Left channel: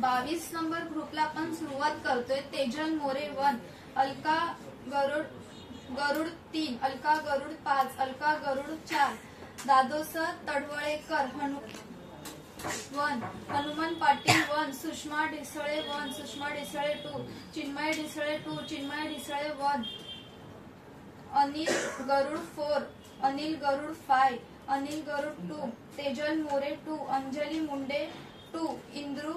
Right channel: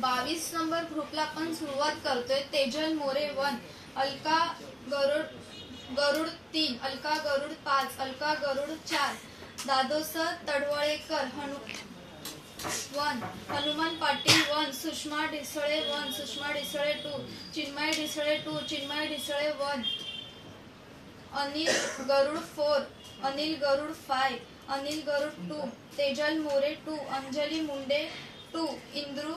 22 number ग्रुपला आपण सुरुवात करतोय. तेजल मोरे 1, अलका गरुड 3, अलका गरुड 5, अलका गरुड 4, दादोस तडवळेकर 1, हनुमान पाटील 1, सुषमा ढिसळे 1, सुषमा ढिसळे 2, चिन्मय ढिसळे 2, चिन्मय ढिसळे 1, अनिल गरुड 4, अनिल गरुड 5, अनिल गरुड 2, तेजल मोरे 2, अंजली मुंडे 2, इंदू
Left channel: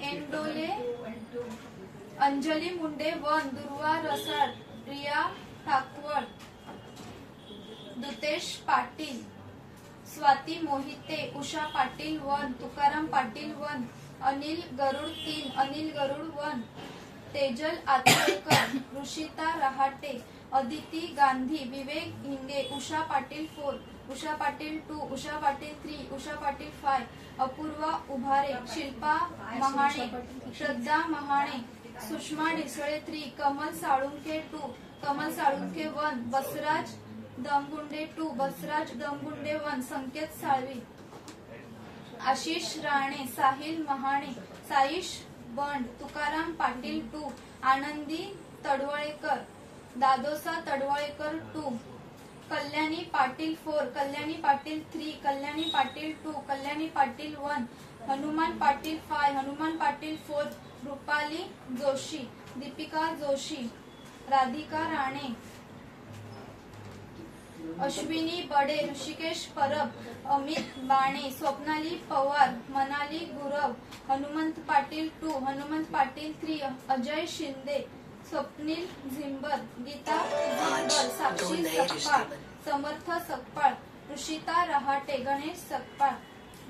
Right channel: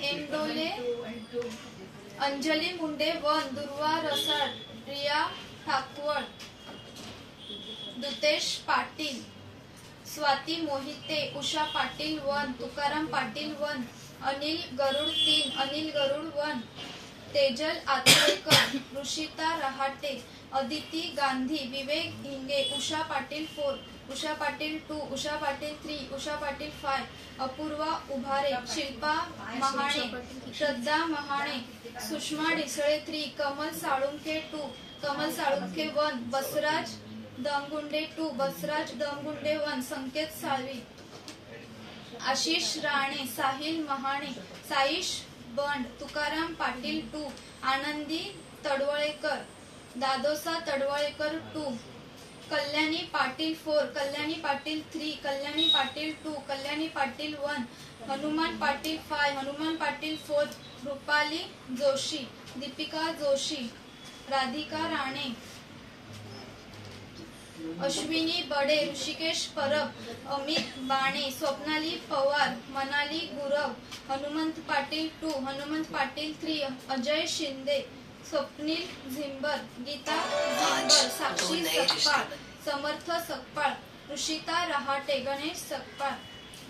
एंडोले, अंजली मुंडे 1, दुर्वा रसाळ, रिया ठाकवळ, दुतेश पाटील, स्वाती मोहिते, उषा पाटील 1, तुकाराम पाटील 1, अनिल गरुड 3, अनिल गरुड 1, तेजल आतरेकर, ऋषिता रहाटे, अदिती गांधी, विवेक हिंगे, उषा पाटील 4, उषा पाटील 2, उषा पाटील 3, उषा पाटील 5, अपूर्वा उभारे, शिल्पा महाणे, श्रद्धा महाणे, सुषमा ढिसळे 3, कमल साळुंखे 2, कमल साळुंखे 1, बसराज दमगुंडे 2, बसराज दमगुंडे 1, संकेत साळवी, आशिष राणे, साहिल महाणे, साईश बंड, तुकाराम पाटील 2, आनंदी तडवळेकर, दादोसा तडवळेकर 2, कल्याणी पाटील 4, कल्याणी पाटील 3, कल्याणी पाटील 2, कल्याणी पाटील 1, हनुमान पाटील 5, हनुमान पाटील 4, रुपाली जोशी, दीपिका जोशी, राधिका राणे, अश्विनी बडे, ऋषिकेश परब, अमित बाणे, स्वप्नाली पवार, मनाली गुरव, हनुमंत पाटील 2, हनुमंत पाटील 3, अजय शिंदे, स्वप्नील झिंबर, गीता झिंबर, साक्षी सकपाळ, समर्थ सकपाळ, ऋषिता रहाटे, गणेश सकपाळ,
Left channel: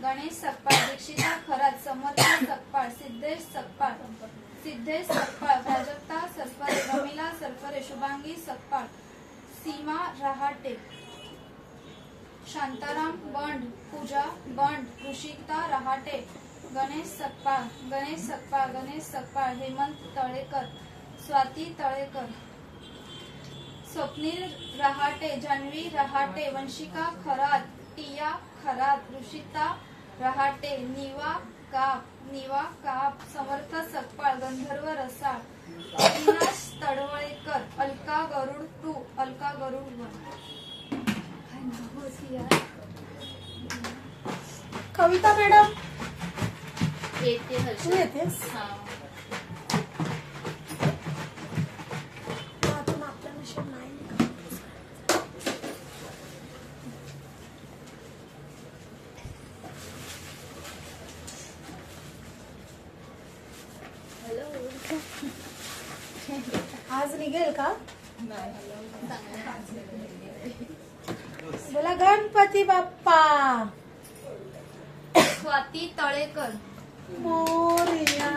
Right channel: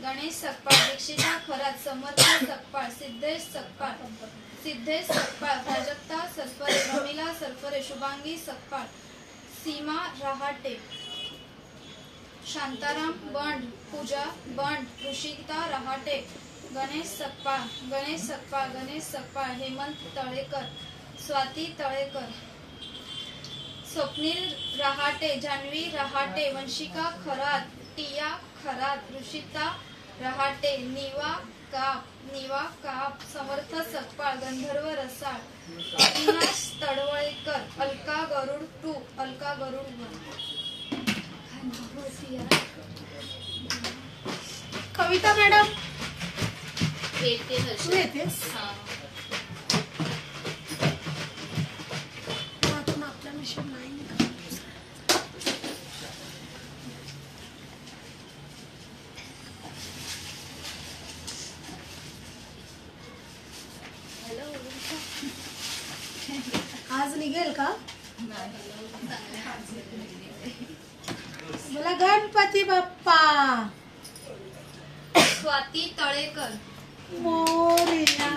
दीक्षिता खरात, समर्थ सकपाळ, सिद्धेश सकपाळ, प्राजक्ता सरफरे, रमिला सरफरे, शुभांगी सकपाळ, सीमा रहाटे, शांताराम बंड, पूजा बंड, ऋषिता रहाटे, गणेश सकपाळ, हेमंत तळेकर, स्वाती तळेकर, स्वप्नील रहाटे, जान्हवी रहाटे, वंशिका खरात, टिया खरात, ऋषिता रहाटे, निवा काप, समर्थ सकपाळ, गंधर्व रसाळ, अविनाश तडवळेकर, अलका गरुड 2, अलका गरुड 1. कविता मॅडम येते. आज निघेल का? बोला गणपती बाप्पा. स्वाती तळेकर, मोरया.